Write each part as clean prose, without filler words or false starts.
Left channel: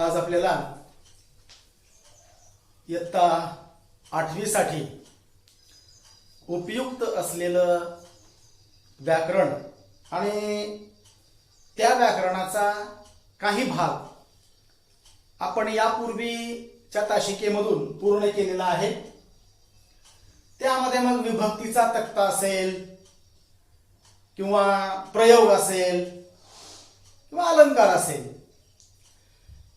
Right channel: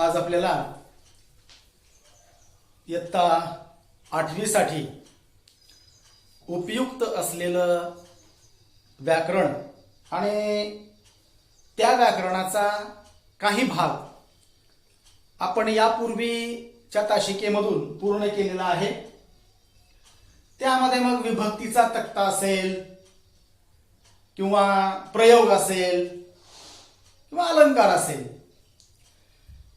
आज आपल्याला इयत्ता 8वी साठी उपयुक्त असलेलं व्याकरण आणि त्या व्याकरणाचा काही भाग आपण यापूर्वीच्या तासिकेमधून पूर्ण केलेला आहे। त्यामध्ये मग विभक्तीचा तक्ता असेल किंवा प्रयोग असेल किंवा अलंकार असेल,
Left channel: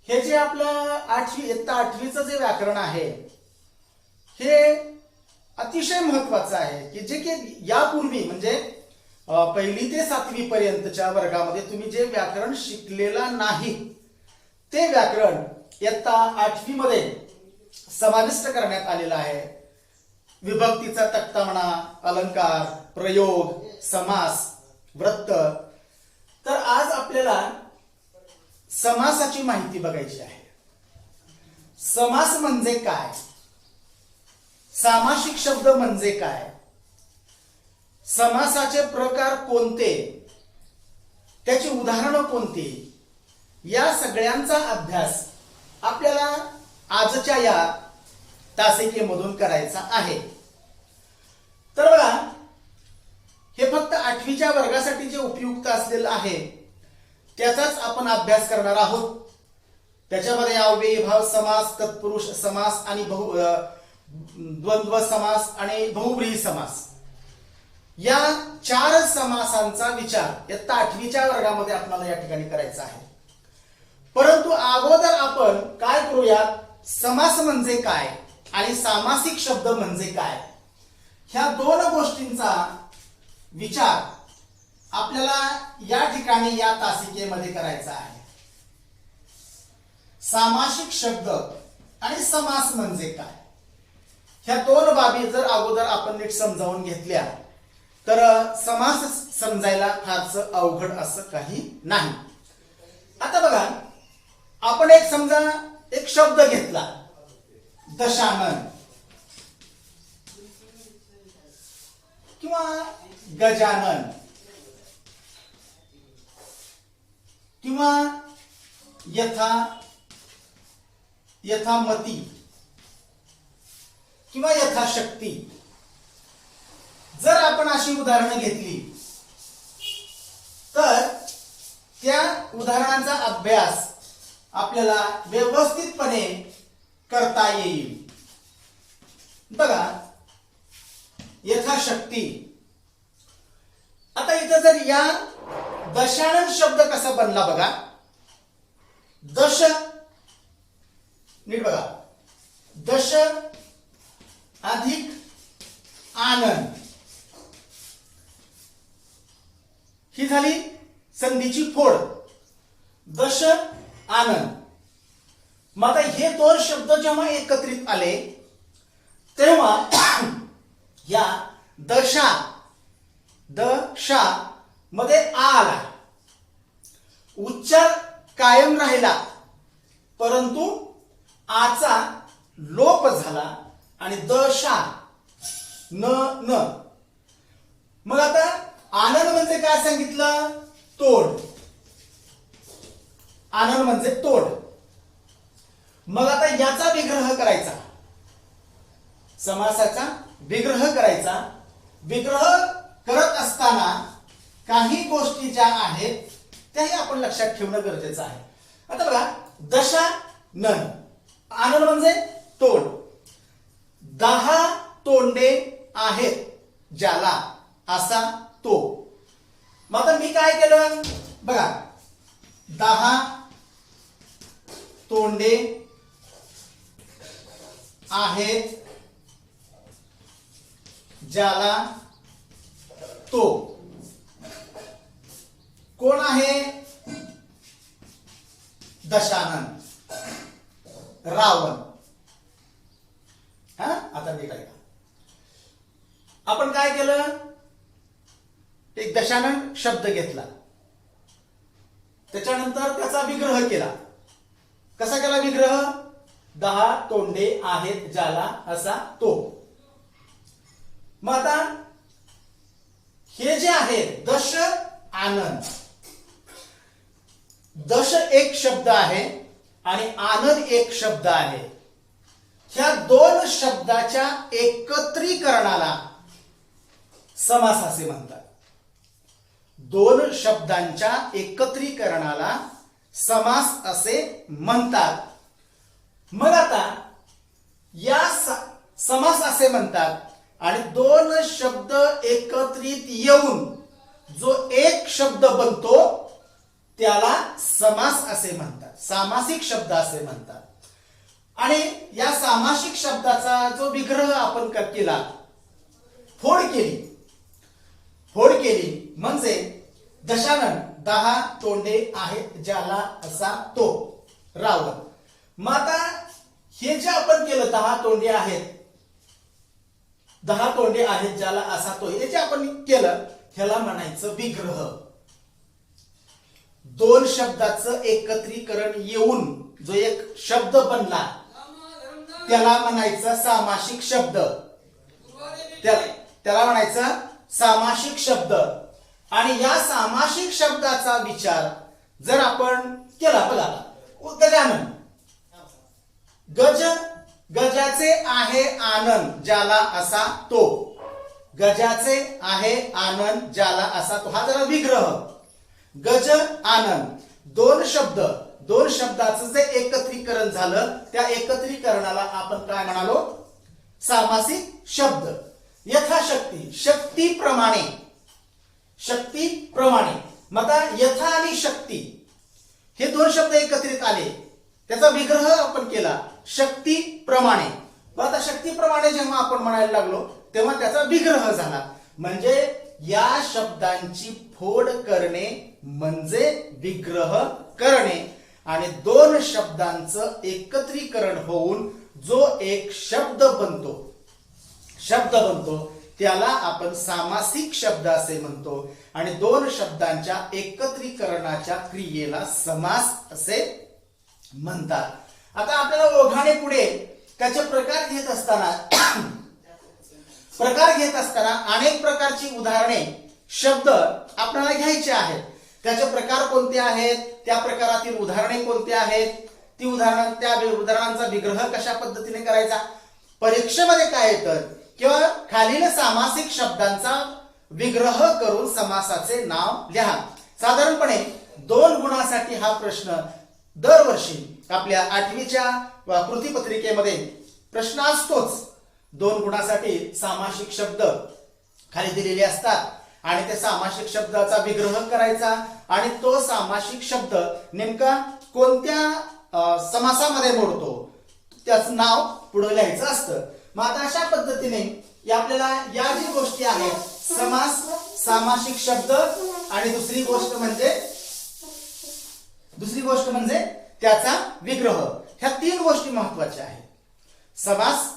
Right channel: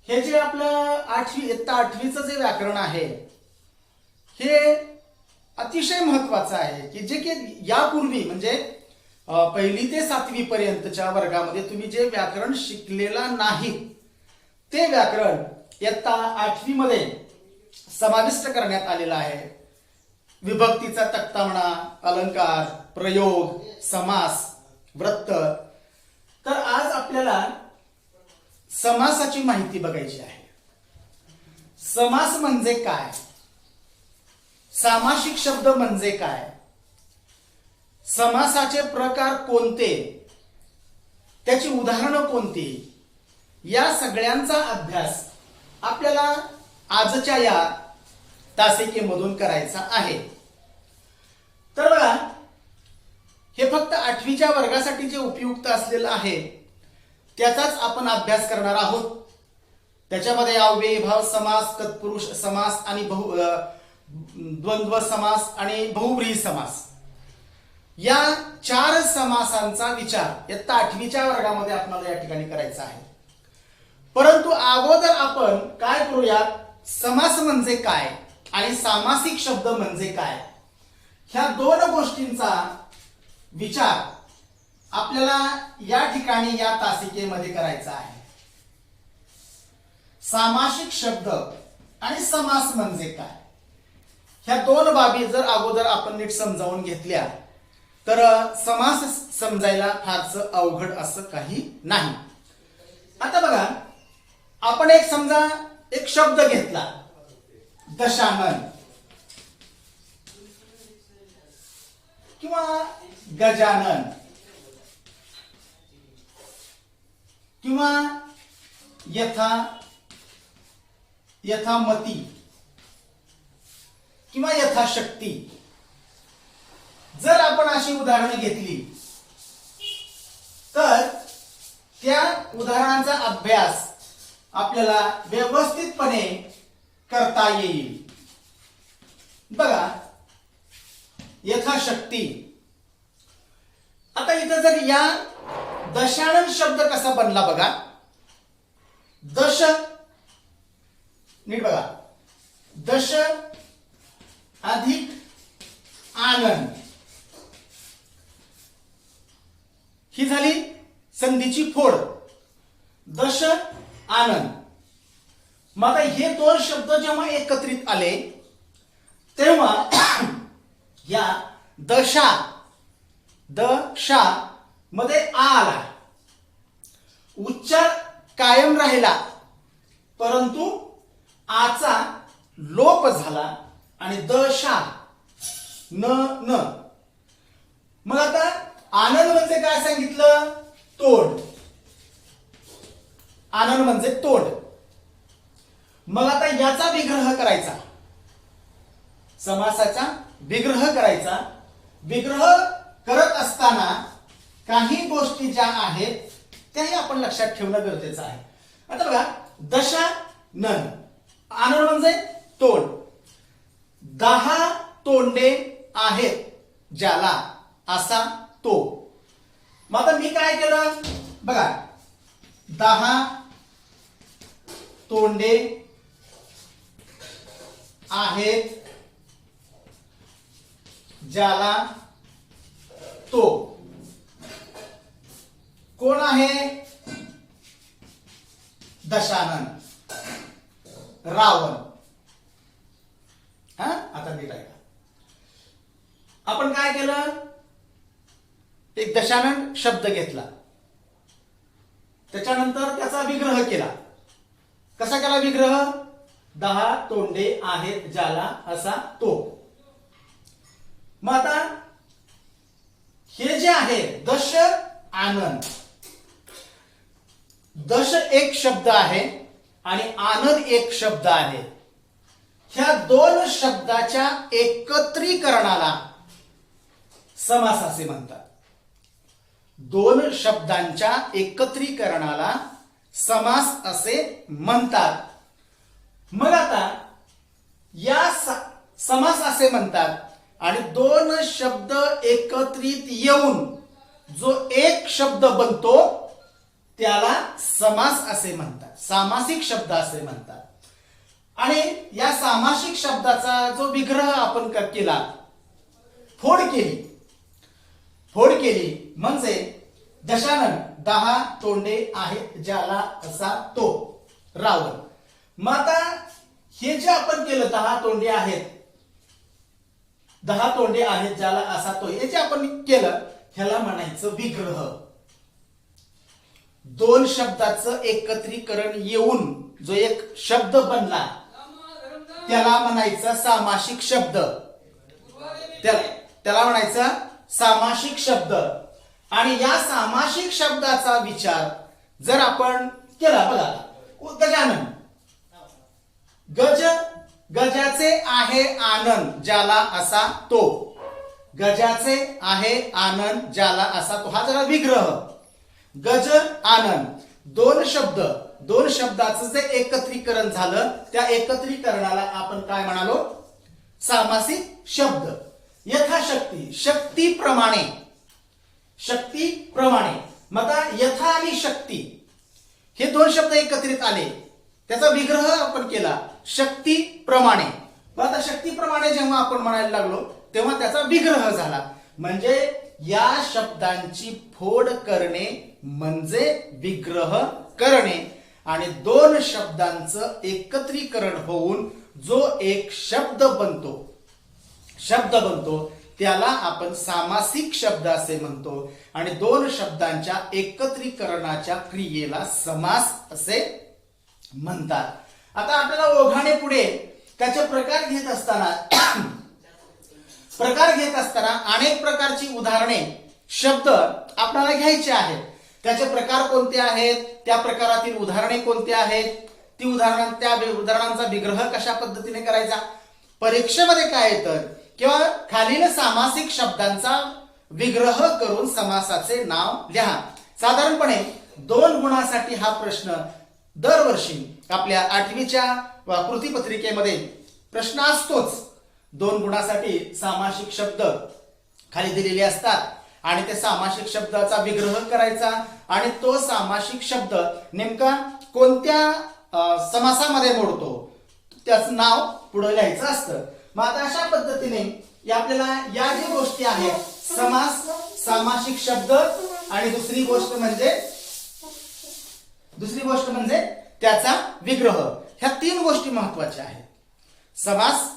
हे जे आपलं इयत्ता 8वीचं जे व्याकरण आहे हे अतिशय महत्वाचं आहे की जे की यापूर्वी म्हणजे 1ली ते 7वी पर्यंतच्या वर्गामध्ये तुम्ही जे व्याकरण शिकलेला नाही ते व्याकरण इयत्ता 8वी मध्ये समाविष्ट करण्यात आलेलं आहे। विभक्तीचा तक्ता म्हणा, अलंकार, प्रयोग, समास, वृत्त। तर आज आपल्याला समासाची माहिती बघायची आहे। समास म्हणजे काय, सामासिक शब्द म्हणजे काय, समासाचे प्रकार कोणते, त्याची उदाहरणं कोणती, या सगळ्यांचा अभ्यास आपल्याला आजच्या या तासिकेमधून करायचा आहे। तर बघा, हे फक्त 8वीच्या वर्गासाठी जे उपयुक्त असलेलं आहे त्याचाच आपण अभ्यास करणार आहोत। त्याच्यामध्ये अव्ययीभाव समास, तत्पुरुष समास आणि द्वंद्व समास आणि बहुव्रीही समास, या 4 समासांचा विचार इयत्ता 8वीच्या वर्गामध्ये आपल्याला या ठिकाणी करायचा आहे। परंतु अगोदर आपण काय करूयात, समास म्हणजे काय आणि सामासिक शब्द म्हणजे काय, ह्या 2 गोष्टींचा विचार आपल्याला या ठिकाणी या तासिकेमध्ये करायचा आहे। सामासिक शब्द आणि समास म्हणजे काय, ह्या 2 बाबी जर अगोदर आपण नीट समजावून घेतल्या तर समास समजायला फारसं अवघड असं काही नाही। आता बघा, आपण समजा एक शब्द घेतला, दशानन किंवा गजानन किंवा यथामती किंवा यथाशक्ती, जर आपण अशी उदाहरणं घेतली तर त्या उदाहरणांचा अभ्यास आपल्याला व्यवस्थितपणे करता येईल। बघा, यथाशक्ती। आता इथं जर या दशानन शब्द कसा बनला बघा, दश, नीट बघा, दश अधिक आनंद, ही झाली संधीची फोड, दश आनंद। मग आता हे 2 शब्द जेव्हा एकत्रित आले तेव्हा या दशा मध्ये आ आला, उच्चार कायम राहिला परंतु आचा लोप झाला आणि दशा न। मग आता आनंद म्हणजे काय सांगितलं, तोड, आनंद म्हणजे तोड। मग आता याचा विग्रह करायचा, समासाचा विग्रह करायचा। विग्रह करत असताना काही गोष्टी ज्या आहेत त्याही आपण लक्षात ठेवणं गरजेचं आहे। आता बघा, दशानन, आनंद म्हणजे तोड, 10 तोंडे आहेत ज्याला, असा तो। मग आता मी काय केलं बघा, 10 तोंडे आहेत ज्याला तो, कोण आहे, दशानन, रावण। आता मी काय, आपण काय केलं, एक दशानन शब्द घेतला, त्याच्यानंतर त्याचा विग्रह केला। कसा केला विग्रह, 10 तोंडे आहेत ज्याला, असा तो। मग आता हे जे आहे दश आनंद, दश एक शब्द आहे आणि आनंद एक शब्द आहे. ह्या दोन शब्दाच्या एकत्रीकरणाला समास असे म्हणतात. दोन शब्दांच्या एकत्रीकरणाला समास असे म्हणतात. मग आता या समास असे म्हणतात आणि दोन शब्द एकत्रित येऊन जो एक शब्द बनतो त्याला समास असे म्हणतात, सामासिक शब्द असे म्हणतात. आणि या सामासिक शब्दाचा जो विग्रह आपण केला, फोड केली म्हणजे दशानन 10 तोंडे आहेत ज्याला असा तो रावण. मग आता हे जे आपण केलं 10 तोंडे आहेत ज्याला असा तो, हे जे आपण केलं ह्याला म्हणायचं विग्रह. दोन शब्दाचं एकत्रीकरण येऊन जो एक शब्द बनला त्याला म्हणायचा सामासिक शब्द, त्याला म्हणायचा सामासिक शब्द. आणि या सामासिक शब्दाचा विचार जर आपण केला, बघा गजानन, गजाचे आहे आनंद ज्याला असा तो, गजाचे आहे आनंद ज्याला असा तो, हा झाला विग्रह. गज आनंद दोन शब्दाचं जे एकत्रीकरण झालं त्या एकत्रीकरणाला आपण काय म्हणालो, सामासिक शब्द. यथाशक्ती, शक्तीप्रमाणे. मग यथा आणि शक्ती हे दोन शब्द एकत्रित आले, त्याचा विग्रह आपण केला शक्तीप्रमाणे. मग आता शक्तीप्रमाणे जेव्हा आपण म्हणायला लागलो तेव्हा त्याचा विग्रह झाला. म्हणजे या शब्दांची फोड करणे म्हणजे विग्रह करणे. आणि दोन शब्दांचं एकत्रीकरण होऊन जो एक शब्द बनतो त्याला आपण सामासिक शब्द असे म्हणतो. आणि दोन शब्दांच्या एकत्रीकरणाच्या क्रियेला समास असे म्हणतात. आता आपल्याला ओघाने पुढे त्याचे प्रकार घेत असताना अनेक प्रकारची उदाहरणे शब्द आपल्याला घ्यायचे आहेत. त्याचे प्रकार कोणते आहेत, त्या प्रकारातील उदाहरणे कोणती आहेत, त्या उदाहरणांचा विग्रह कशा पद्धतीने करायचा, परीक्षेमध्ये काय येतं, किंवा खालील सामासिक शब्दांचा विग्रह करून समासाचे नाव लिहा. साधारणपणे 2 गुणासाठी हा प्रश्न दरवर्षी आपल्या 8वीच्या कृतीपत्रिकेमध्ये प्रश्न असतोच. 2 गुणासाठी सामासिक शब्द खाली दिलेले असतात आणि त्या सामासिक शब्दाचा विग्रह करायचा आणि तो सामासिक शब्द नेमका कोणत्या समासामध्ये मोडतो त्याचं नाव पुढे लिहायचं असतं. मग आता अशा पद्धतीने आपल्याला या जी गोष्टी आहेत, समास, सामासिक शब्द आणि दुसरी गोष्ट म्हणजे त्याचा विग्रह, ह्या 3 गोष्टी महत्वाच्या आहेत. समास,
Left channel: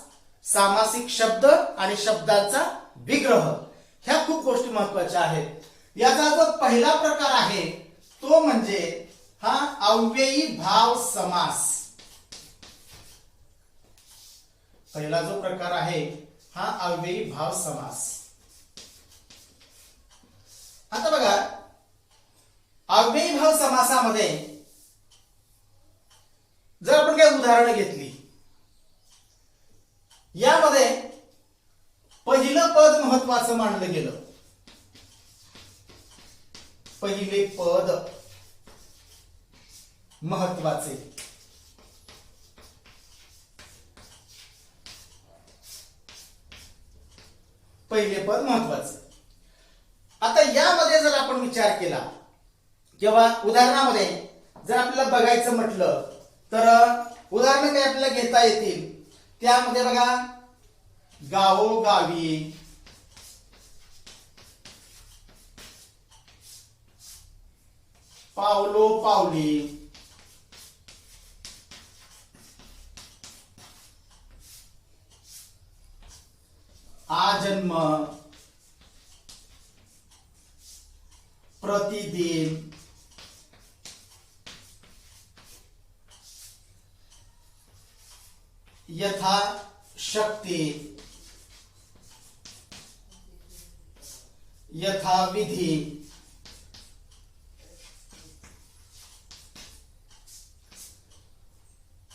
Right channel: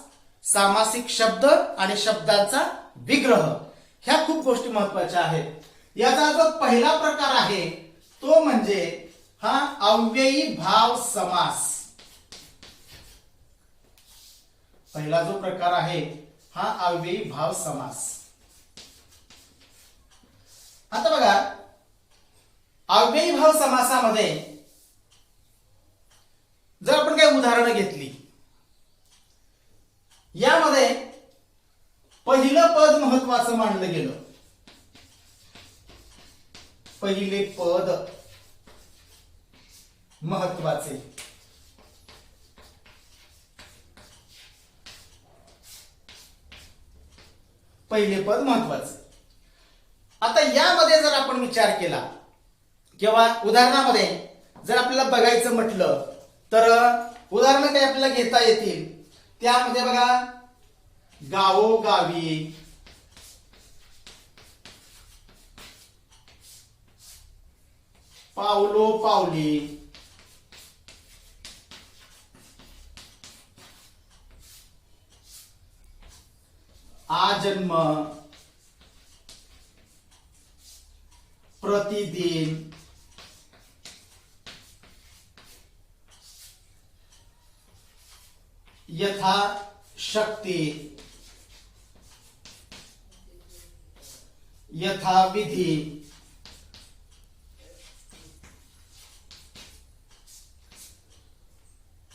सामासिक शब्द आणि शब्दाचा विग्रह, ह्या खूप गोष्टी महत्वाच्या आहेत. याचा जो पहिला प्रकार आहे तो म्हणजे हा अव्ययी भाव समास. पहिला जो प्रकार आहे हा अव्ययी भाव समास. आता बघा, अव्ययी भाव समासामध्ये जर आपण काही उदाहरणं घेतली, यामध्ये पहिलं पद महत्वाचं मानलं गेलं. पहिले पद महत्वाचे. पहिले पद महत्वाचे. आता यामध्ये जर आपण विचार केला किंवा उदाहरणामध्ये जर आपल्याला बघायचं म्हटलं तर उदाहरणं काही आपल्याला घेता येतील. त्यामध्ये बघा, गावोगावी, पावलोपावली, आजन्म, प्रतिदिन, यथाशक्ती, यथाविधी,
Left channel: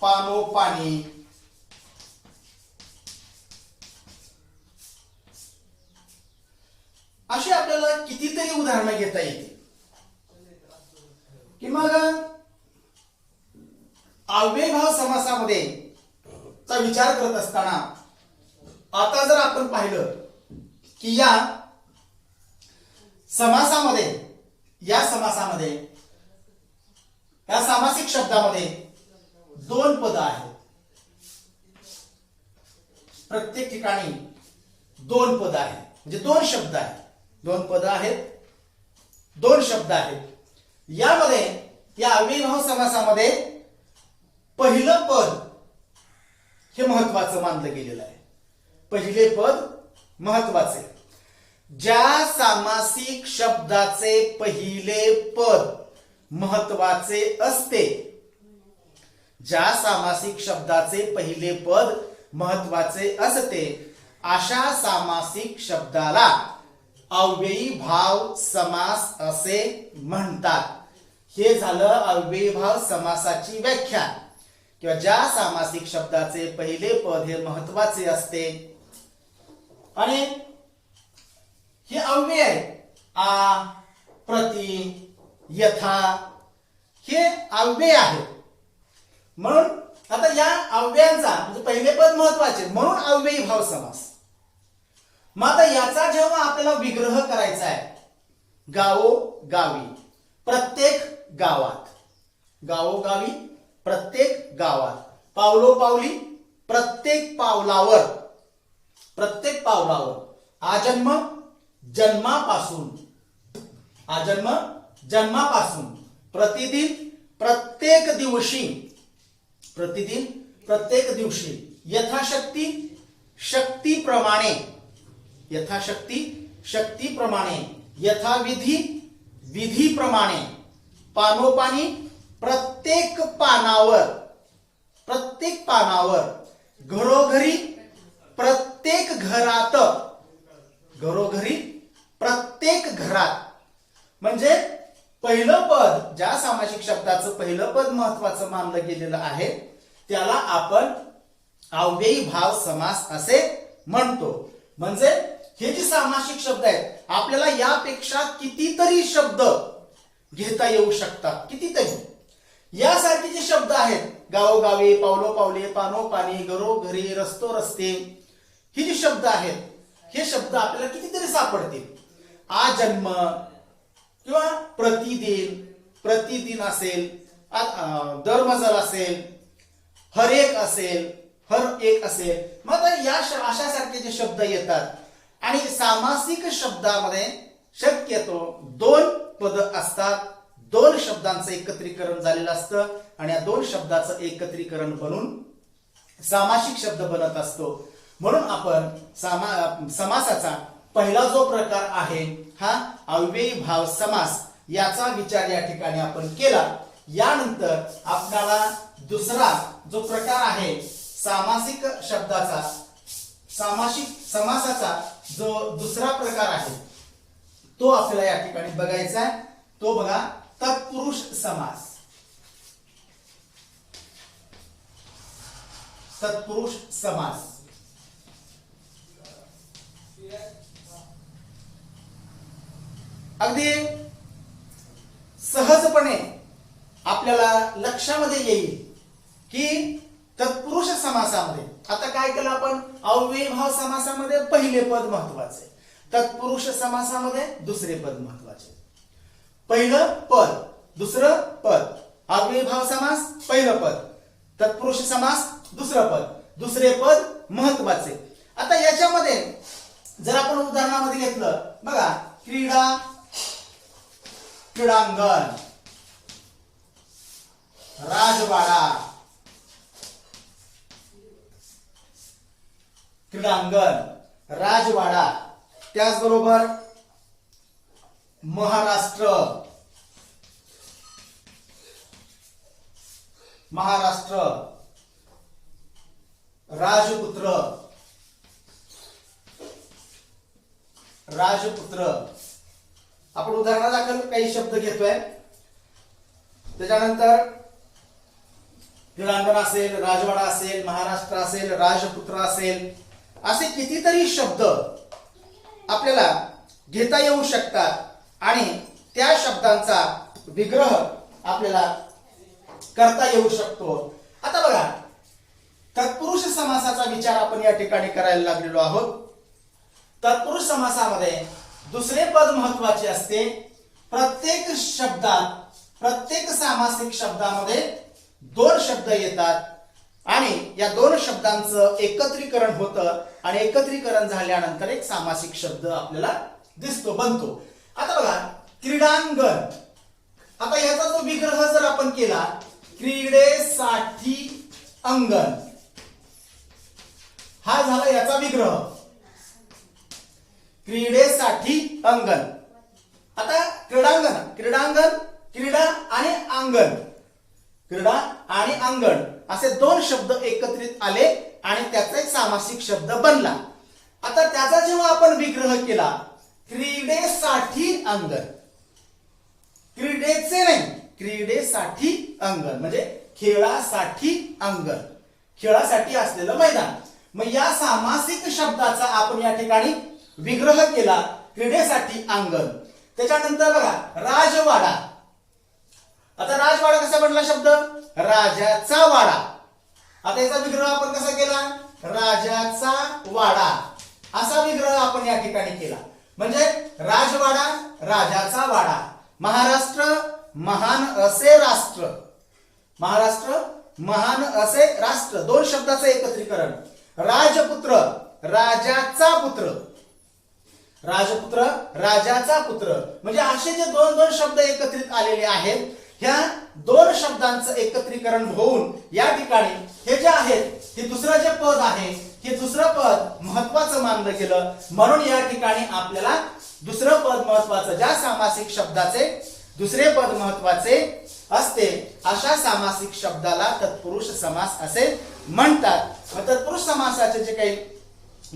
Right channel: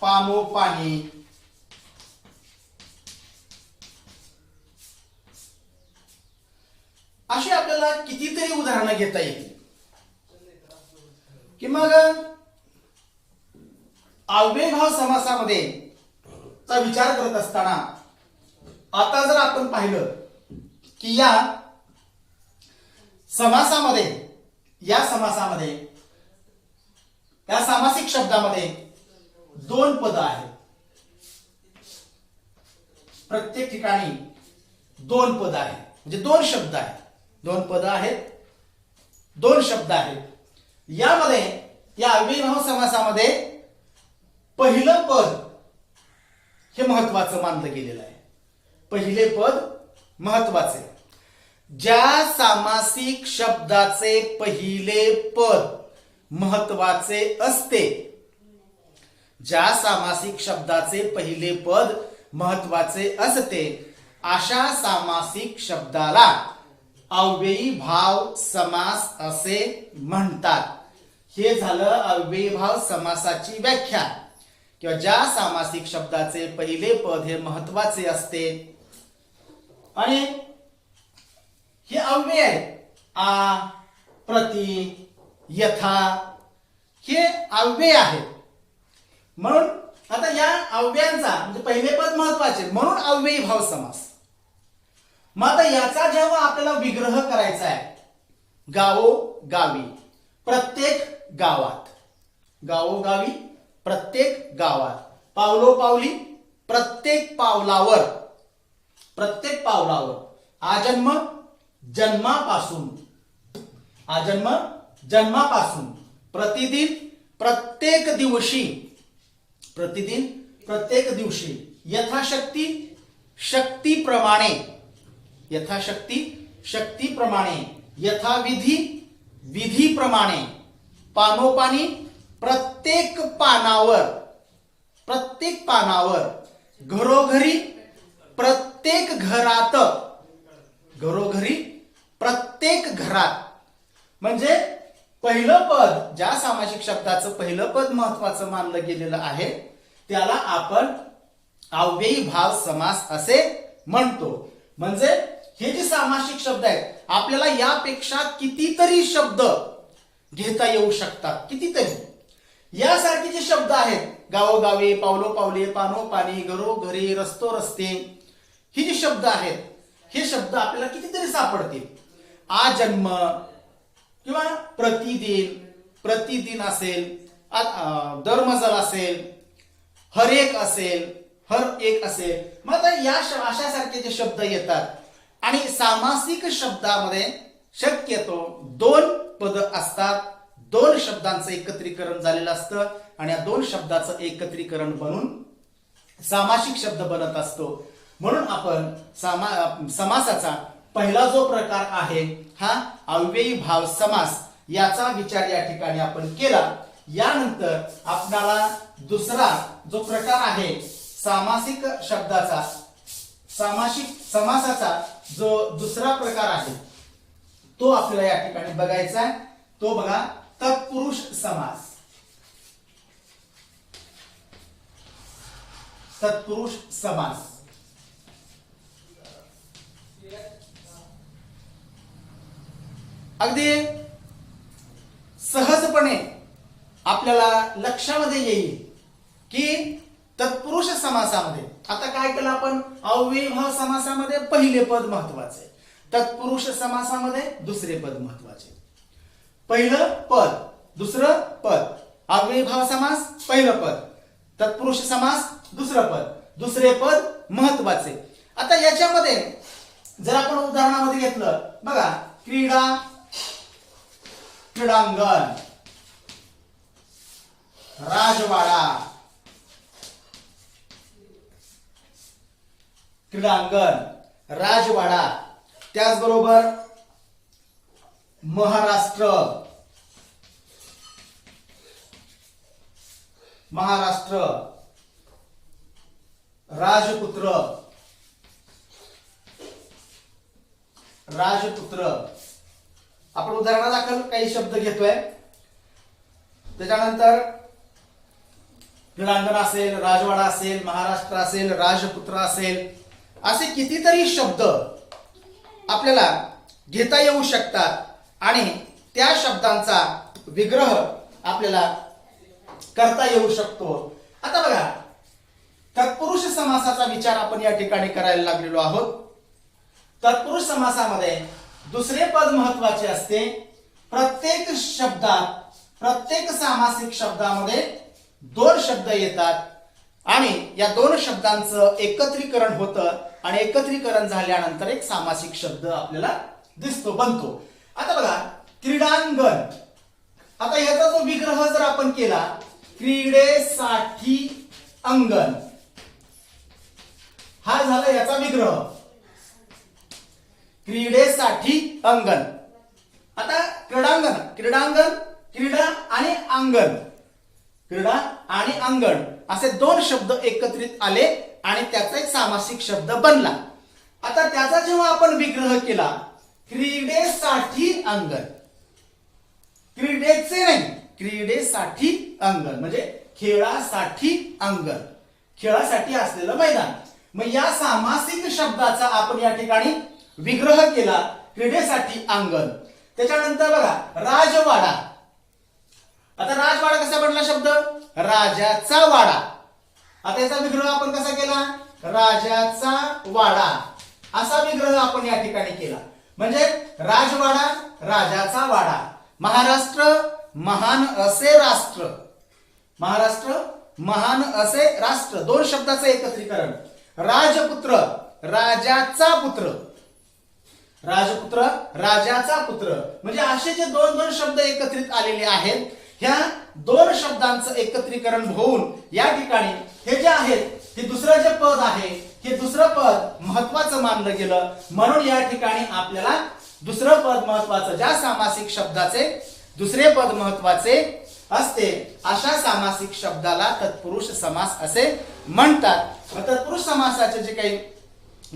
पानोपानी, अशी आपल्याला कितीतरी उदाहरणं घेता येतील की मग अव्ययभाव समासामध्ये चा विचार करत असताना आता जर आपण पाहिलं की या समासामध्ये या सामासिक शब्दामध्ये दोन पद आहेत. प्रत्येक ठिकाणी दोन पद आहेत, म्हणजे दोन शब्द आहेत, दोन पद आहेत, दोन शब्द आहेत. यामध्ये या अव्ययभाव समासामध्ये पहिलं पद हे महत्वाचं मानलं गेलेलं आहे. पहिले पद महत्वाचे. ज्या सामासिक शब्दाचे पहिले पद महत्वाचे असते, ज्या सामासिक शब्दाचे पहिले पद महत्वाचे असते अशा सामासिक शब्दाला अव्ययी भाव समास असे म्हणतात. हे झालं अव्ययीभाव समासाची व्याख्या. किंवा ज्या सामासिक शब्दाचे पहिले पद हे महत्वाचे असते आणि हे अव्यय आहे. आ, प्रति, यथा हे अव्यय आहेत. म्हणून आता या अव्ययांचा म्हणजे पहिले पद महत्वाचे म्हणून अव्ययी भाव समास. मग आता याचा जेव्हा आपल्याला विग्रह करायचा आहे, गावोगावी, प्रत्येक गावात, गावोगावी, प्रत्येक गावात, पावलोपावली, प्रत्येक पावलावर, प्रत्येक पावलावर, आजन्म, जन्मापासून, आजन्म, जन्मापासून, प्रतिदिन, प्रत्येक दिवशी, प्रतिदिन, प्रत्येक दिवशी, यथाशक्ती, शक्तीप्रमाणे, यथाशक्ती, शक्तीप्रमाणे, यथाविधी, विधीप्रमाणे, पानोपानी, प्रत्येक पानावर, प्रत्येक पानावर, घरोघरी, प्रत्येक घरात, घरोघरी, प्रत्येक घरात. म्हणजे पहिलं पद, ज्या सामासिक शब्दाचं पहिलं पद महत्वाचं मानलं गेलेलं आहे त्याला आपण अव्ययी भाव समास असे म्हणतो. म्हणजे हे जे सामासिक शब्द आहेत आपल्याला यापेक्षा कितीतरी शब्द घेता येऊ शकतात, कितीतरी. यासारखे जे शब्द आहेत, गावोगावी, पावलोपावली, पानोपानी, घरोघरी, रस्तोरस्ते, ही जी शब्द आहेत हे शब्द आपल्याला कितीतरी सापडतील. आजन्म किंवा प्रतिदिन, प्रतिदिन असेल, दरमजल असेल, हर एक असेल, हर एक असेल. मग आता या अशासारखे जे शब्द येतात आणि सामासिक शब्दामध्ये शक्यतो दोन पद असतात, दोन शब्दांचं एकत्रीकरण झालेलं असतं आणि या दोन शब्दाचं एकत्रीकरण बनून सामासिक शब्द बनत असतो. म्हणून आपण समासाचा पहिला जो प्रकार आहे हा अव्ययी भाव समास, याचा विचार या ठिकाणी आपण केला. यानंतर आपल्याला दुसरा जो प्रकार आहे सामासिक शब्दाचा, सामासिक समासाचा जो दुसरा प्रकार आहे तो आपल्याला या ठिकाणी बघायचा आहे. तो बघा, तत्पुरुष समास. तत्पुरुष समास अगदी सहजपणे आपल्याला लक्षामध्ये येईल की तत्पुरुष समासामध्ये आता काय केलं आपण, अव्ययीभाव समासामध्ये पहिले पद महत्वाचे, तत्पुरुष समासामध्ये दुसरे पद महत्वाचे. पहिलं पद, दुसरं पद, अव्ययीभाव समास पहिलं पद, तत्पुरुष समास दुसरं पद, दुसरे पद महत्वाचे. आता याच्यामध्ये जर आपण उदाहरणामध्ये घेतलं बघा, क्रीडा, क्रीडांगण, राजवाडा, क्रीडांगण, राजवाडा, त्याचबरोबर महाराष्ट्र, महाराष्ट्र, राजपुत्र, राजपुत्र. आपण उदाहरणादाखल काही शब्द घेतोय. त्याच्यानंतर क्रीडांगण असेल, राजवाडा असेल, महाराष्ट्र असेल, राजपुत्र असेल, असे कितीतरी शब्द आपल्याला घेता येऊ शकतात आणि त्या शब्दांचा विग्रह आपल्याला करता येऊ शकतो. आता बघा, तत्पुरुष समासाचा विचार आपण या ठिकाणी करायला लागलेलो आहोत. तत्पुरुष समासामध्ये दुसरे पद महत्वाचे असते. प्रत्येक शब्दात, प्रत्येक सामासिक शब्दामध्ये दोन शब्द येतात आणि या दोन शब्दांचं एकत्रीकरण होतं आणि एकत्रीकरण झाल्यानंतर एक सामासिक शब्द आपल्याला दिसतो, बनतो. आता बघा, क्रीडांगण. आता याचा जो विग्रह जर आपण केला, क्रीडेसाठी अंगण, हा झाला याचा विग्रह. क्रीडेसाठी अंगण. आता क्रीडांगण, क्रीडांगण, क्रीडा आणि अंगण, क्रीडा आणि अंगण असे दोन शब्द एकत्रित आले आणि त्याचा एक सामासिक शब्द बनला. आता त्याचा जेव्हा आपण विग्रह केला, क्रीडेसाठी अंगण, क्रीडेचे नाही, क्रीडेसाठी अंगण म्हणजे खेळासाठी अंगण, खेळासाठी असलेलं मैदान. मग या सामासिक शब्दाचा आपण या ठिकाणी विग्रह केला, क्रीडेसाठी अंगण. त्याच्यानंतर बघा, राजवाडा. आता राजवाडा कसा बनला शब्द? राजाचा वाडा. आता याचा विग्रह आपण कसा केला? राजाचा वाडा असा विग्रह आपण या ठिकाणी केला. म्हणजे राजवाडा, राजाचा वाडा. महाराष्ट्र महान असे राष्ट्र, महाराष्ट्र महान असे राष्ट्र, दोन शब्दाचं एकत्रीकरण. राजपुत्र, राजाचा पुत्र, राजपुत्र, राजाचा पुत्र. म्हणजे असे जे दोन दोन शब्द एकत्रित आलेले आहेत, ह्या दोन शब्दांचं एकत्रीकरण होऊन या ठिकाणी हे जे आहेत, हे दुसरं जे पद आहे, हे दुसरं पद महत्वाचं मानलं गेलं. म्हणून या ठिकाणी आपल्याला दुसरं पद महत्वाचं, ज्या सामासिक शब्दाचे दुसरे पद महत्वाचे असते अशा सामासिक शब्दाला तत्पुरुष समास असे म्हणतात. तत्पुरुष समासाचे जे काही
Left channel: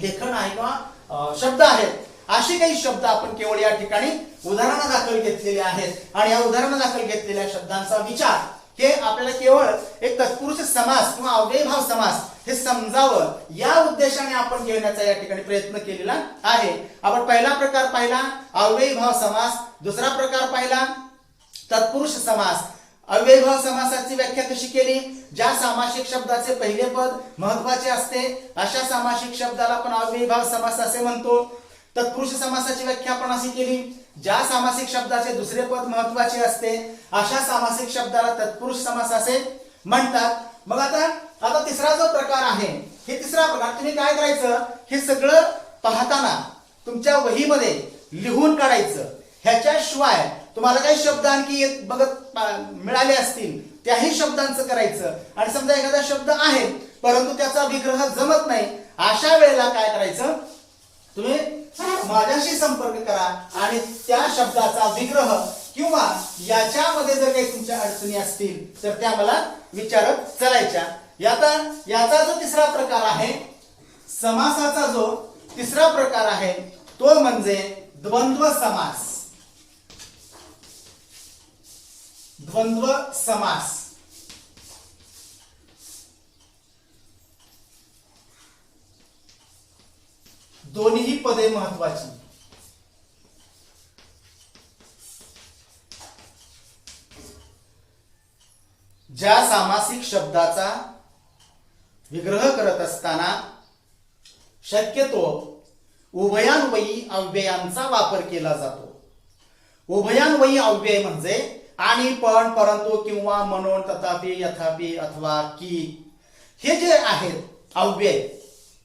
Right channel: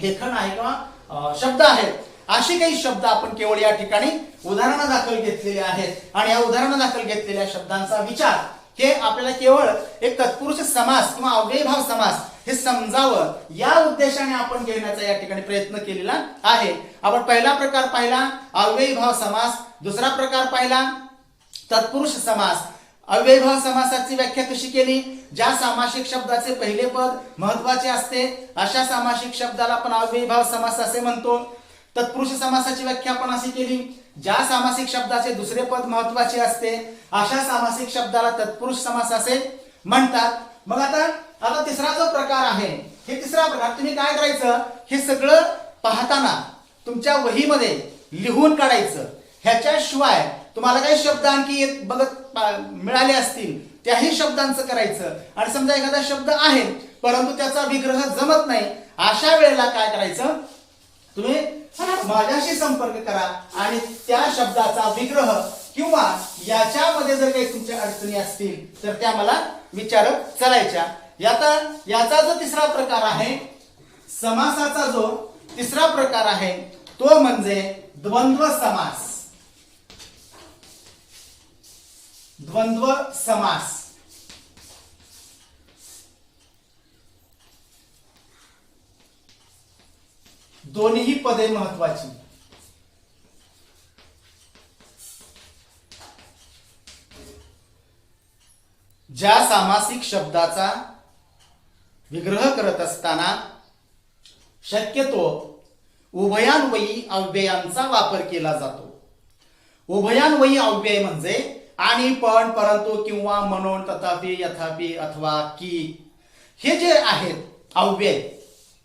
लेखन आहे किंवा शब्द आहेत, असे काही शब्द आपण केवळ या ठिकाणी उदाहरणादाखल घेतलेले आहेत आणि या उदाहरणादाखल घेतलेल्या शब्दांचा विचार हे आपल्याला केवळ एक तत्पुरुष समास किंवा अव्ययीभाव समास हे समजावं या उद्देशाने आपण घेण्याचा या ठिकाणी प्रयत्न केलेला आहे. आपण पहिला प्रकार पाहिला अव्ययीभाव समास, दुसरा प्रकार पाहिला तत्पुरुष समास. अव्ययीभाव समासाची व्याख्या कशी केली? ज्या सामासिक शब्दाचे पहिले पद महत्वाचे असते अशा सामासिक शब्दाला आपण अव्ययीभाव समास असे म्हणतो. तत्पुरुष समासाची व्याख्या आपण अशी केली, ज्या सामासिक शब्दाचे दुसरे पद महत्वाचे असते अशा सामासिक शब्दाला तत्पुरुष समास असे म्हणतात. मग आता तिसरा जो प्रकार आहे, हे तिसरा प्रकार तुम्ही काय करायचं, हे सगळं पाहताना तुमच्या वहीमध्ये लिहून काढायचं. ह्याच्याशिवाय तुम्हाला काही शब्द आणखी बघत मिळाले असतील त्याही शब्दांचं करायचं. आणि समजा एखादा शब्द आहे परंतु त्याचा विग्रह जमत नाही, अशा वेळेला काय करायचं, तुम्ही माझ्याशी संपर्क करा आणि त्या शब्दाचा विग्रह किंवा याच्यामध्ये जर काही तुमच्या अडचणी असतील तर त्या मला विचारत करायच्या. याचा जो तिसरा प्रकार आहे, समासाचा जो तिसरा प्रकार आहे तो म्हणजे द्वंद्व समास. द्वंद्व समास. दोन्ही पदे महत्वाची. ज्या सामासिक शब्दाचा विग्रह करत असताना शक्यतो उभयान्वयी अव्ययांचा वापर केला जातो. उभयान्वयी अव्यय म्हणजे आणि, पण, परंतु, किंवा, म्हणून, तथापि, यथापि, अथवा, की हे जे आहेत अव्यय,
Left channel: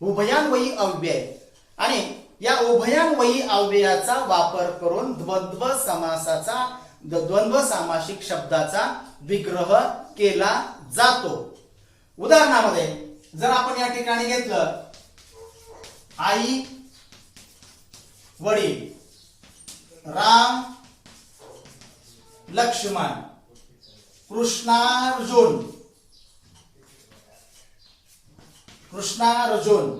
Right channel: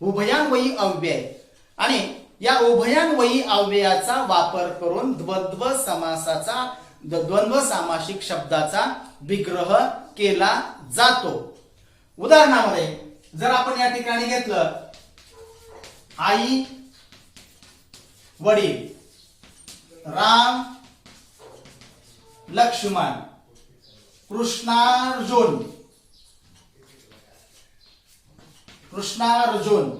उभयान्वयी अव्यय, आणि या उभयान्वयी अव्ययाचा वापर करून द्वंद्व समासाचा, द्वंद्व सामासिक शब्दाचा विग्रह केला जातो. उदाहरणामध्ये जर आपण या ठिकाणी घेतलं, आई वडील, राम लक्ष्मण, कृष्णार्जुन, कृष्णार्जुन,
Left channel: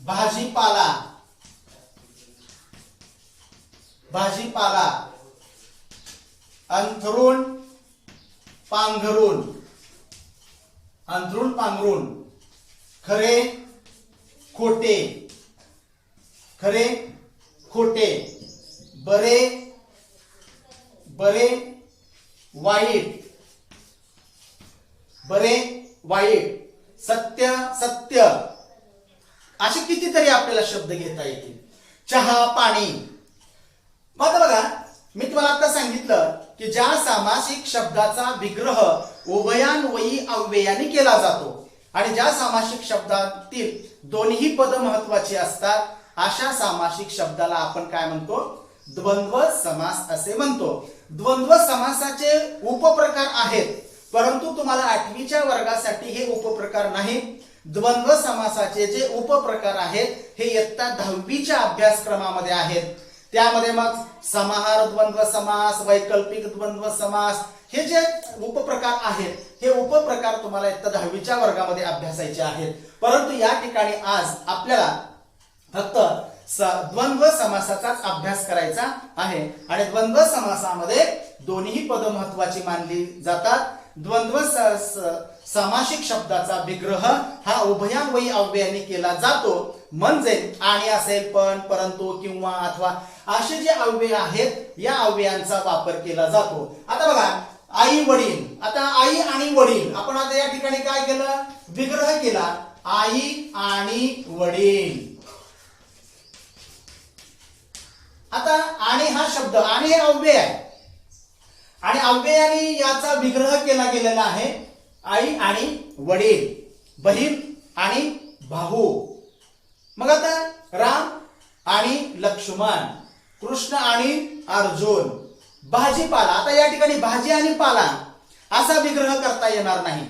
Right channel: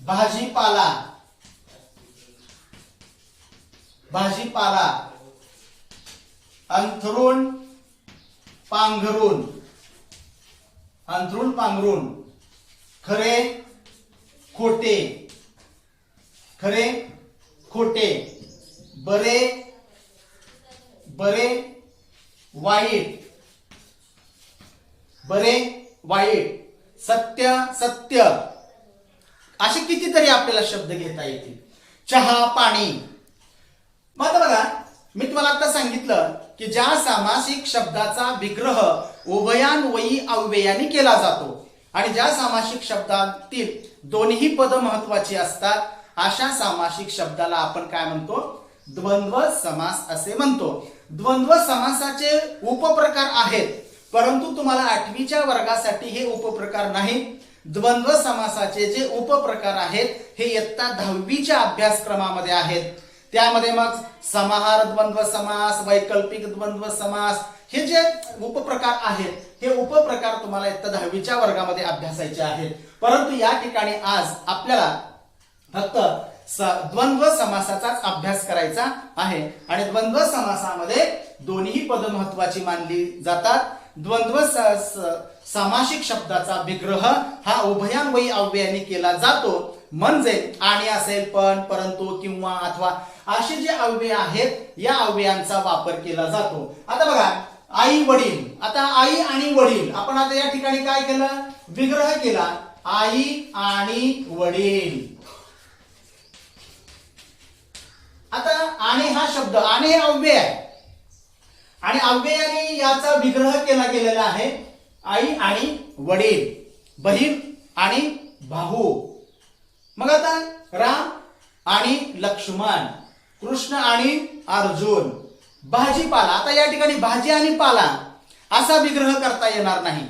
भाजीपाला, भाजीपाला, अंथरूण, पांघरूण, अंथरूण पांघरूण, खरे खोटे, खरे खोटे, बरे बरे वाईट, बरे वाईट, सत्य सत्य, असे कितीतरी आपल्याला शब्द घेता येतील. चहा पाणी. मग आता बघा, मी तुम्हाला आता सांगितलं की ज्या सामासिक शब्दाचा विग्रह उभयान्वयी अव्ययाने केला जातो आणि ज्या सामासिक शब्दातील दोन्ही पद महत्वाची असतात अशा सामासिक शब्दाला आपण काय म्हणतो? द्वंद्व समास असे म्हणतो. द्वंद्व समासाचे उपप्रकार आहेत, परंतु तुम्हाला 8वीच्या वर्गासाठी हे उपप्रकार नाही. द्वंद्व समासाचे जे उपप्रकार आहेत हे इयत्ता 10वीच्या अभ्यासक्रमामध्ये आहेत. त्यामध्ये मग समाहार द्वंद्व समास, वैकल्पिक द्वंद्व समास, हे जे उपप्रकार आहेत हे उपप्रकार तुम्हाला इयत्ता 10वीच्या वर्गामध्ये अभ्यासायचे आहेत. परंतु या ठिकाणी आज आपल्याला फक्त द्वंद्व समासाचाच अभ्यास करायचा आहे आणि द्वंद्व समासामध्ये दोन्ही पद महत्वाची मानली जातात. द्वंद्व सामासिक शब्दाचा विग्रह हा उभयान्वयी अव्ययाने केला जातो. म्हणजे आणि असेल, पण, परंतु, किंवा, अथवा असे जे अव्यय आहेत या अव्ययांचा वापर केला जातो. आता बघा, आई वडील. आता आई आणि वडील आपण आता या ठिकाणी काय केलं? विग्रह केला. आई आणि वडील. आता आणि हा शब्द, आणि हे अव्यय आहे आणि अव्ययाने याचा विग्रह केला गेलेला आहे. आई आणि वडील, बहीण आणि भाऊ. मग आता राम आणि लक्ष्मण, कृष्ण आणि अर्जुन. भाजीपाला. आता या ठिकाणी भाजी आणि पाला असा विग्रह करता येणार नाही,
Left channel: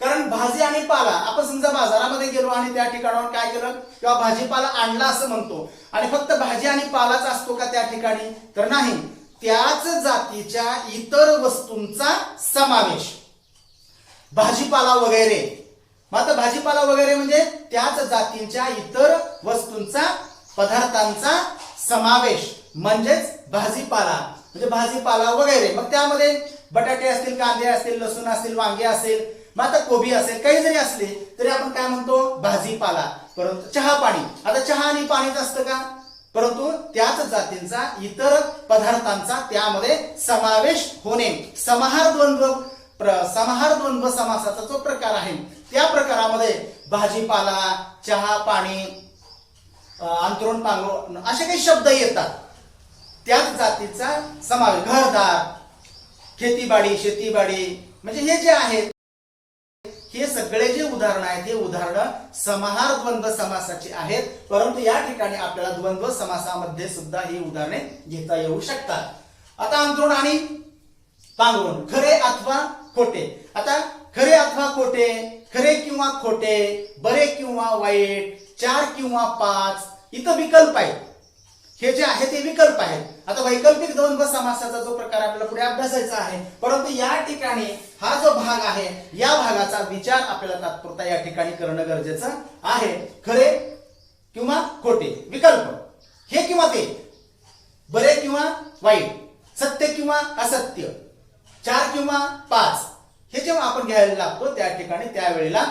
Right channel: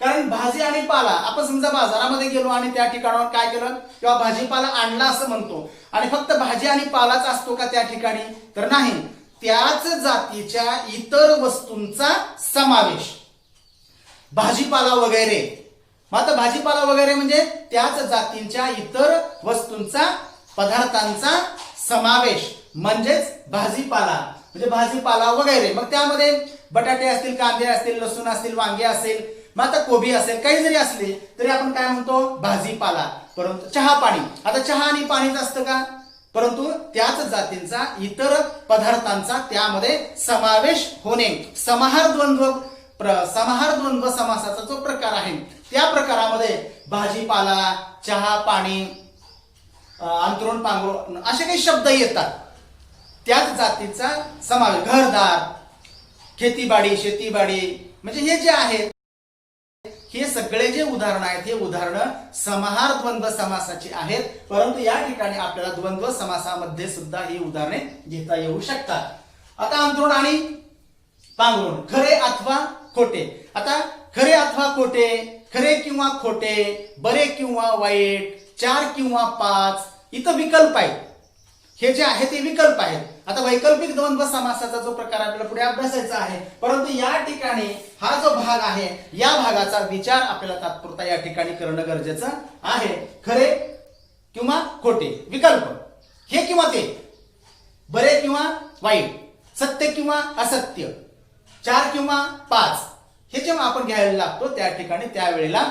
कारण भाजी आणि पाला आपण समजा बाजारामध्ये गेलो आणि त्या ठिकाणावर काय केलं किंवा भाजीपाला आणला असं म्हणतो आणि फक्त भाजी आणि पालाच असतो का त्या ठिकाणी? तर नाही, त्याच जातीच्या इतर वस्तूंचा समावेश. भाजीपाला वगैरे. मग आता भाजीपाला वगैरे म्हणजे त्याच जातींच्या इतर वस्तूंचा, पदार्थांचा समावेश म्हणजेच भाजीपाला. म्हणजे भाजीपाला वगैरे. मग त्यामध्ये बटाटे असतील, कांदे असतील, लसूण असतील, वांगे असेल, मग आता कोबी असेल, काही जरी असले तरी आपण काय म्हणतो? भाजीपाला. परंतु चहा पाणी. आता चहा आणि पाणीच असतं का? परंतु त्याच जातींचा इतर पदार्थांचा त्यामध्ये समावेश होणे. समाहार द्वंद्व समासाचा जो प्रकार आहे त्या प्रकारामध्ये भाजीपाला, चहा पाणी, अंथरूण पांघरूण असे काही शब्द येतात. त्याच जातीचा समावेश. घरदार, खेतीबाडी, शेतीबाडी, म्हणजे हे जे आहे हे सगळे जे उदाहरण आहेत हे उदाहरणं समाहार द्वंद्व समासाची आहेत. परंतु या ठिकाणी आपल्याला द्वंद्व समासामध्ये सुद्धा ही उदाहरणे घेता येऊ शकतात. आता अंथरूण आणि पांघरूण. खरे अथवा खोटे. आता खरे अथवा खोटे, खरे किंवा खोटे, बरे किंवा वाईट, 4 किंवा 5, इथं विकल्प आहेत. हे जे आहे ते विकल्प आहेत. आता वैकल्पिक द्वंद्व समासाचा जो प्रकार आपल्याला पुढे अभ्यासायचा आहे, परंतु या ठिकाणी हा जो भाग आहे या भागाचा विचार आपल्याला तात्पुरता या ठिकाणी करणं गरजेचं आहे. खरे किंवा खोटे, विकल्प, हे किंवा ते, बरे किंवा वाईट, सत्य किंवा असत्य, 4 किंवा 5, हे जेव्हा आपण घ्यायला लागतो त्या ठिकाणी त्यावेळेला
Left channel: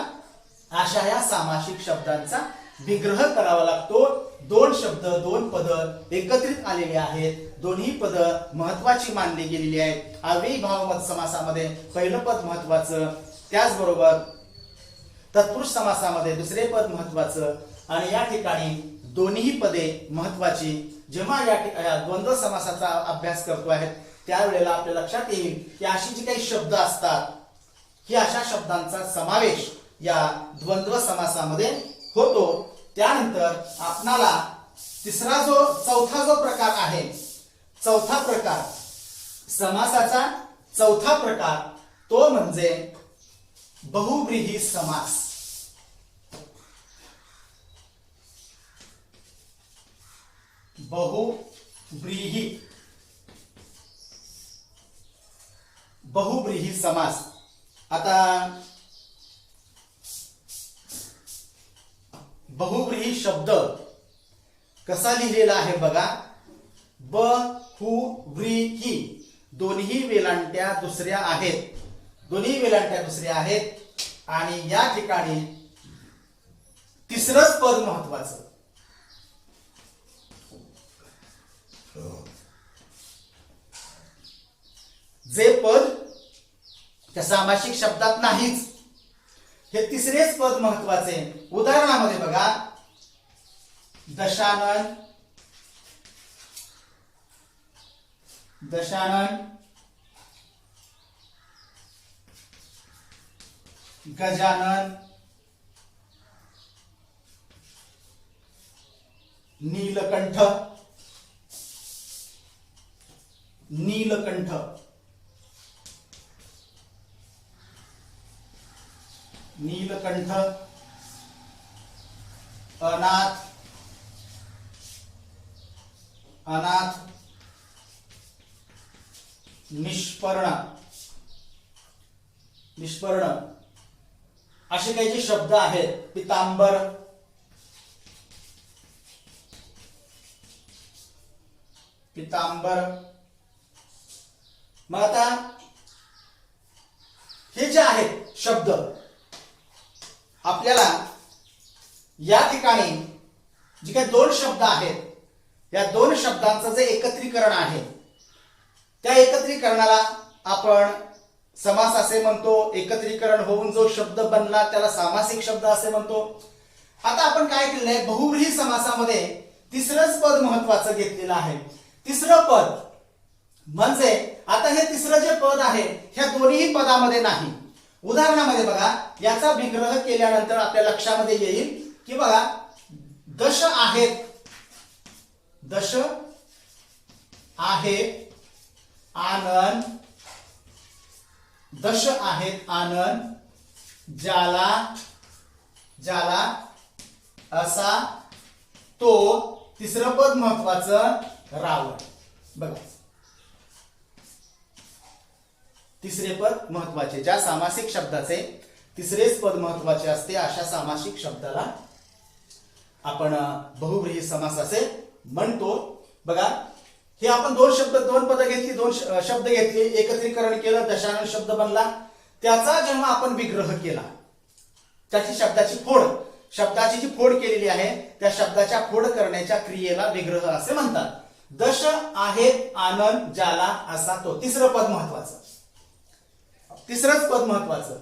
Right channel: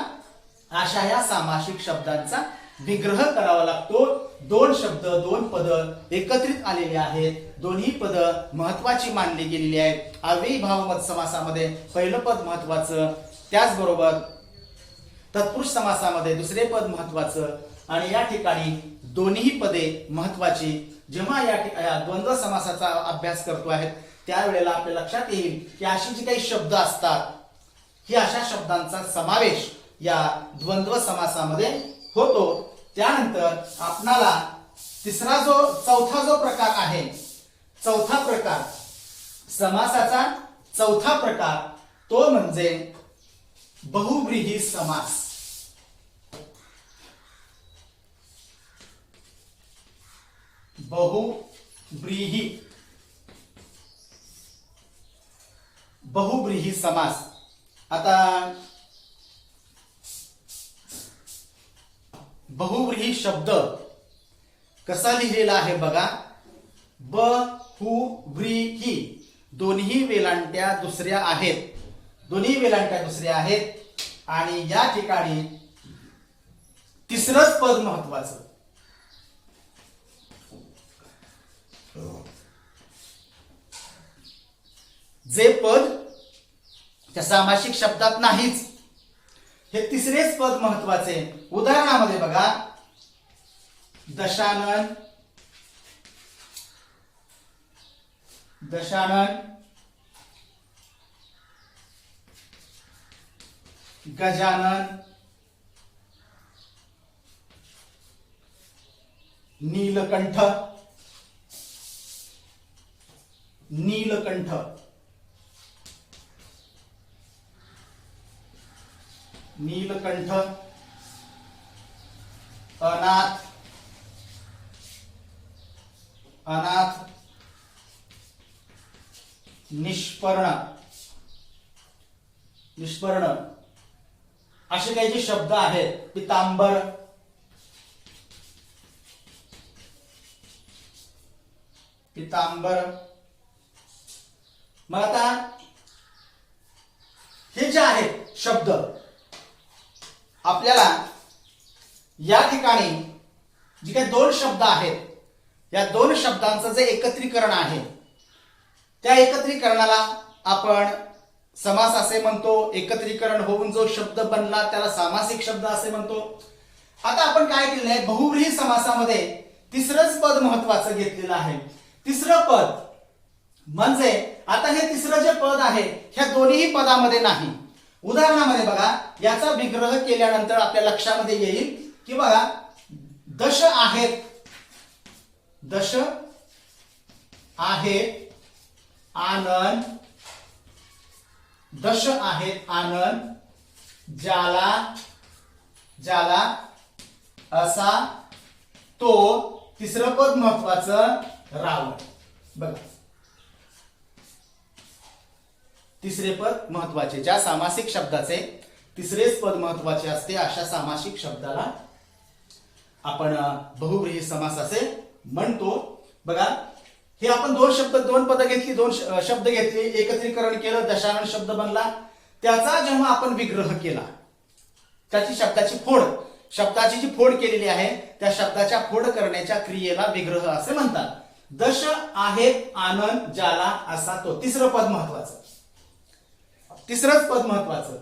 अशा या सामासिक शब्दांचा विग्रह करावा लागतो. 2 शब्द, 2 पद एकत्रित आलेले आहेत. दोन्ही पद महत्वाची मानली गेलेली आहेत. अव्ययी भावमत समासामध्ये पहिलं पद महत्वाचं, त्याचबरोबर तत्पुरुष समासामध्ये दुसरे पद महत्वाचं आणि या ठिकाणी दोन्ही पदे महत्वाची. जेव्हा या द्वंद्व समासाचा अभ्यास करतो आहे त्यावेळेला आपल्या लक्षात येईल की अशी जी काही शब्द असतात ही अशा शब्दांचा समावेश या द्वंद्व समासामध्ये होतो. त्यानंतर आपणाला चौथा जो प्रकार आहे, चौथा प्रकार समासाचा चौथा प्रकार तो म्हणजे बहुव्रीही समास. बहुव्रीही समास. आता बहुव्रीही शब्द कसा लिहिलेला आहे बघा. बहुव्रीही, दोन्ही वेलांट्या दुसऱ्या आहेत. आणि या ठिकाणी तिसरंच पद महत्वाचं. जे पद त्या सामासिक शब्दात नाहीच, हे तिसरेच पद महत्वाचे. उदाहरणामध्ये बघा, दशानन, दशानन, गजानन, नीलकंठ, नीलकंठ, नीलकंठ, अनाथ, अनाथ, निष्पर्ण, निष्पर्ण, असे काही जे शब्द आहेत. पितांबर, पितांबर. मग आता हे जे आहेत शब्द, आपल्याला या ठिकाणी जे काही दोन शब्द आहेत, या दोन शब्दांचं जे एकत्रीकरण आहे, त्या एकत्रीकरणाला आपण समास असे म्हणतो. एकत्रीकरण होऊन जो शब्द बनला त्याला सामासिक शब्द असे म्हणतो. आता आपण काय केलंय, बहुव्रीही समासामध्ये तिसरंच पद महत्वाचं घेतलेलं आहे. तिसरं पद म्हणजे आता हे तिसरं जे पद आहे, ह्या दोन्ही पदामध्ये नाही. उदाहरणामध्ये बघा, याचा विग्रह केल्यानंतर आपल्या लक्षामध्ये येईल की बघा, दश आहेत, दश आहेत आनंद, दश आहेत आनंद, ज्याला, ज्याला असा तो. तिसरं पद महत्वाचं रावण. बघा, तिसरे पद महत्वाचे. ज्या सामासिक शब्दाचे तिसरेच पद महत्वाचे असते, अशा सामासिक शब्दाला आपण बहुव्रीही समास असे म्हणतो. बघा, हे आपण दोन शब्द, दोन पद घेतली, दोन शब्द घेतले, एकत्रीकरण केलं, दशानन शब्द बनला. त्याचा जेव्हा आपण विग्रह केला, त्याची शब्दाची फोड, शब्दाची जी फोड केलेली आहे, त्या शब्दाच्या फोड करण्याच्या क्रियेला विग्रह असे म्हणतात. दश आहेत आनंद, ज्याला असा तो. तिसरं पद महत्वाचं, तिसरंच पद महत्वाचं.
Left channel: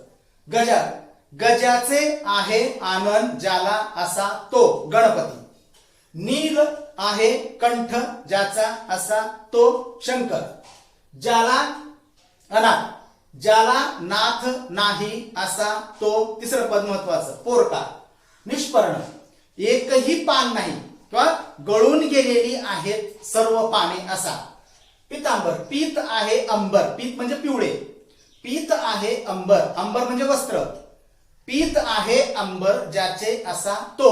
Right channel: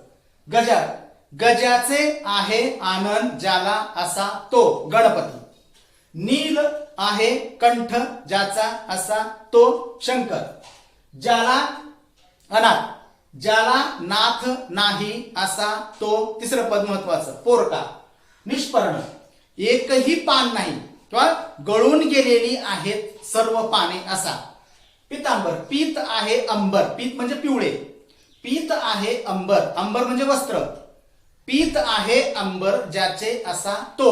गजा, गजाचे आहे आनंद, ज्याला असा तो गणपती. नील आहे कंठ, ज्याचा असा तो शंकर. ज्याला अनाथ, ज्याला नाथ नाही असा तो. तिसरं पद महत्वाचं. पोरका. निष्पर्ण, एकही पान नाही किंवा गळून गेलेली आहेत सर्व पाने असा. पितांबर, पीत आहे अंबर, पीत म्हणजे पिवळे, पीत आहे अंबर, अंबर म्हणजे वस्त्र. पीत आहे अंबर, ज्याचे असा तो.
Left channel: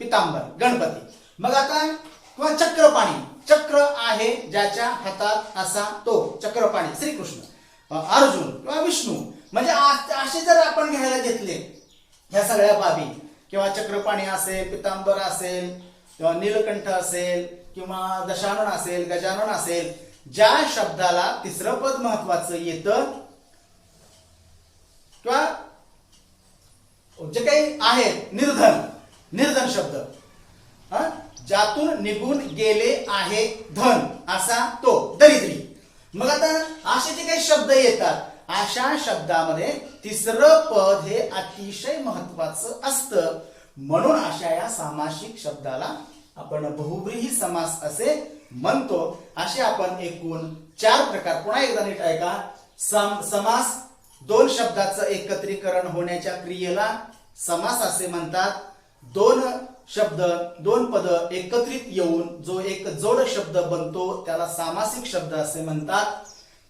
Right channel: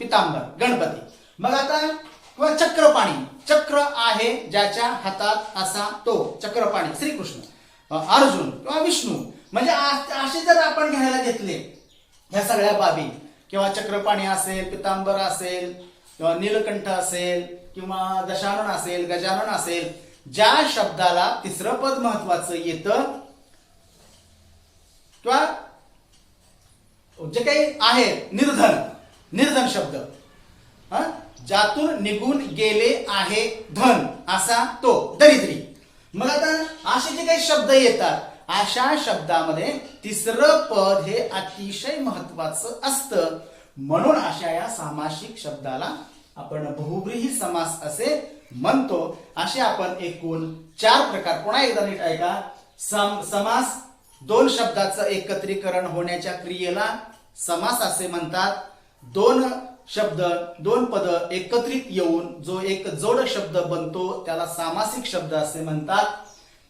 पितांबर, गणपती. मग आता किंवा चक्रपाणी, चक्र आहे ज्याच्या हातात असा तो. चक्रपाणी श्रीकृष्ण. अर्जुन किंवा विष्णू. म्हणजे असे जर आपण घ्यायला घेतले या सगळ्या बाबी, किंवा चक्रपाणी असेल, पितांबर असेल, किंवा नीलकंठ असेल, किंवा दशानन असेल, गजानन असेल, ज्या शब्दाला तिसरं पद महत्वाचं येतं किंवा जे काही आहे निर्धन, निर्धन शब्द, ज्यातून निघून गेले आहे धन असा तो. दरिद्री. मग आता असे जे काही शब्द येतात, अशा शब्दामध्ये तिसरं पद हे अतिशय महत्वाचं असतं. म्हणून अशा या सामासिक शब्दाला आपण बहुव्रीही समास असे म्हणतो. असे आपण एकूण 4 प्रकार, पुन्हा एकदा नीट ऐका. समास, दोन शब्दाचं एकत्रीकरण होण्याच्या क्रियेला समास असे म्हणतात. दोन शब्द, दोन पद एकत्रित येऊन जो एक जोड शब्द बनतो त्याला सामासिक शब्द असे म्हणतात.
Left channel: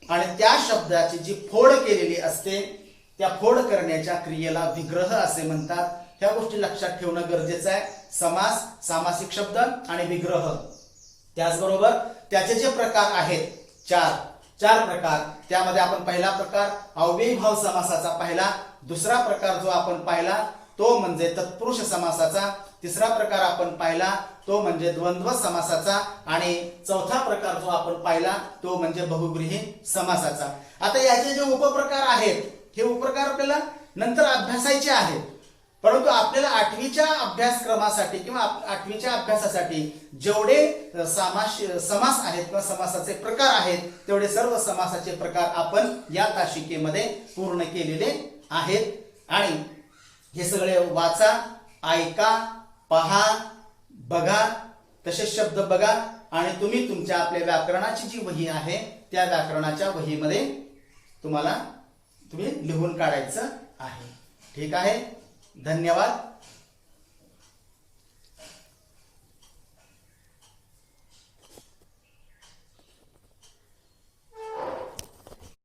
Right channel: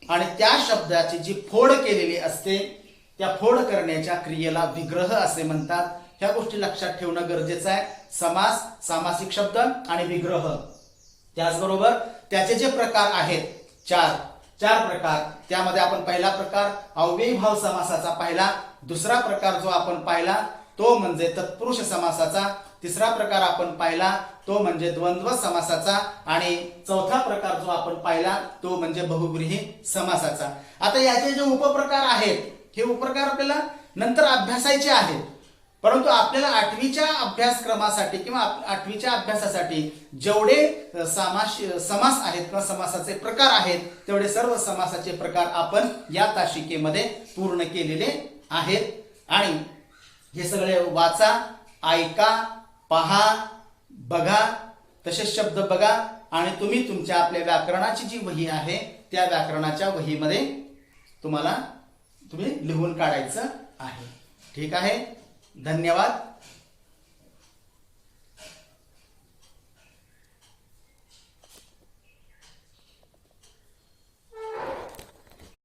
आणि त्या शब्दाची जी फोड केलेली असते, त्या फोड करण्याच्या क्रियेला विग्रह असे म्हणतात. ह्या गोष्टी लक्षात ठेवणं गरजेचं आहे. समास, सामासिक शब्द आणि विग्रह. त्याचबरोबर त्याचे जे प्रकार आहेत, चार प्रकार, त्यामध्ये आपण पहिला प्रकार अव्ययीभाव समासाचा पाहिला. दुसरा प्रकार जो आपण पाहिला तो म्हणजे तत्पुरुष समासाचा. तिसरा प्रकार आपण पाहिला तो म्हणजे द्वंद्व समासाचा. आणि चौथा प्रकार जो आपण पाहिला तो म्हणजे बहुव्रीही समासाचा. आता याचे जे उपप्रकार आहेत, हे उपप्रकार आपल्याला नंतर अभ्यासायचे आहेत. परंतु आपल्याला 8वीच्या अभ्यासक्रमासाठी किंवा 8वीच्या अभ्यासासाठी जेवढे समास आहेत किंवा समासाचे प्रकार आहेत तेवढे सर्व समासाचे प्रकार आपण या तासिकेमध्ये पूर्ण केलेले आहेत. आणि हे सगळे वाचा, ऐका, पहा, बघा, तसेच शब्द बघा आणि तुम्ही तुमच्या आपल्या व्याकरणाची जी वही आहे त्या व्याकरणाच्या वहीमध्ये तुम्ही लिहून काढायचं आहे. ठीक आहे. धन्यवाद.